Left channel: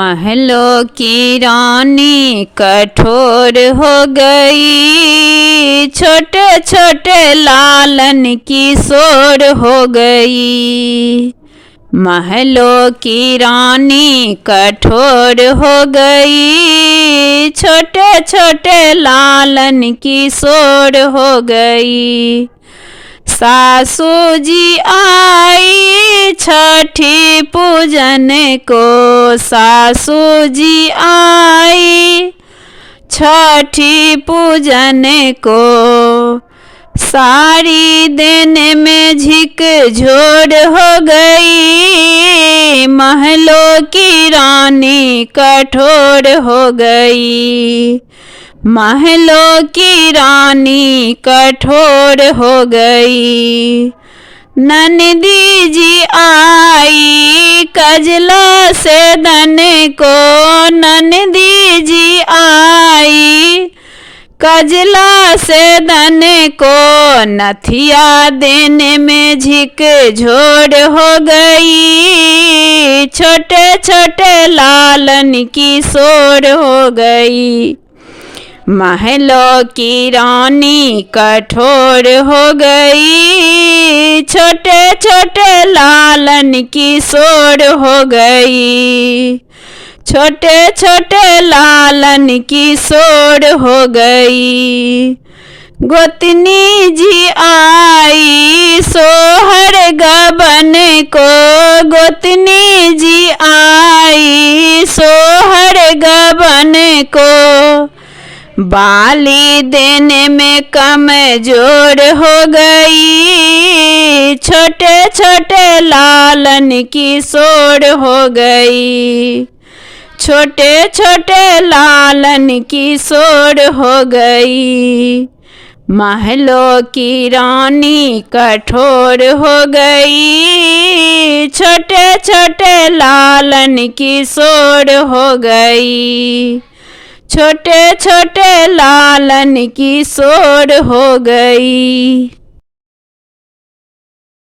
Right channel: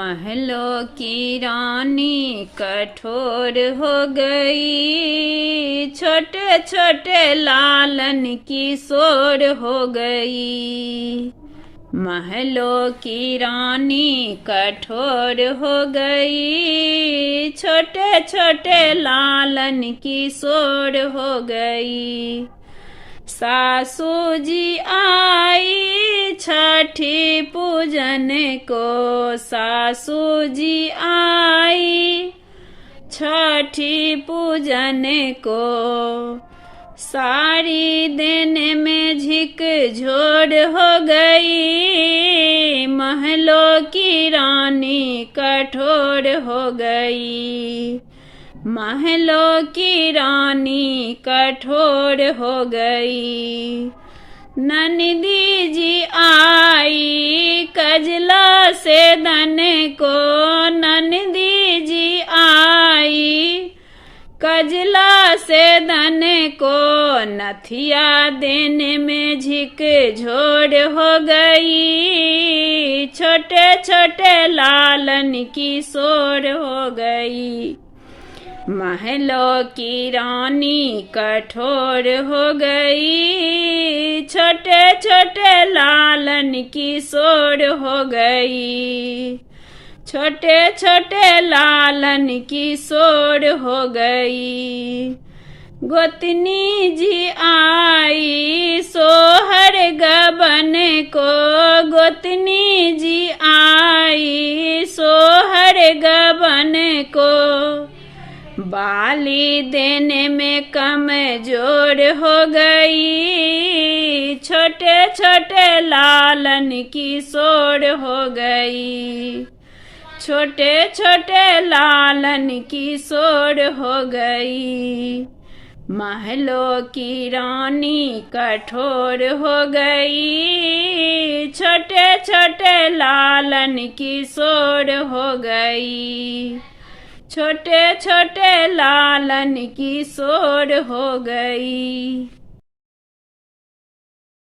महलों की रानी कठोर हो गई, छोटे छोटे लालन की सोर हो गई। महलों की रानी कठोर हो गई, छोटे छोटे लालन की सोर हो गई। सासू जी आई छठी पूजन को, सासू जी आई छठी पूजन को। साड़ी देने में झिक झोर हो गई, महलों की रानी कठोर हो गई। महलों की रानी कठोर हो गई। नंदी जी आई कजला से दन को, नंदी जी आई कजला से दन को। नथिया देने में झिक झोर हो गई, छोटे छोटे लालन की सोर हो गई। महलों की रानी कठोर हो गई, छोटे छोटे लालन की सोर हो गई। छोटे छोटे लालन की सोर हो गई। गोतनी जी आई सोहर गबन को, गोतनी जी आई सोहर गबन को। बाली देने में कमजोर हो गई, छोटे छोटे लालन की सोर हो गई। छोटे छोटे लालन की सोर हो गई। महलों की रानी कठोर हो गई, छोटे छोटे लालन की सोर हो गई। छोटे छोटे लालन की सोर हो गई।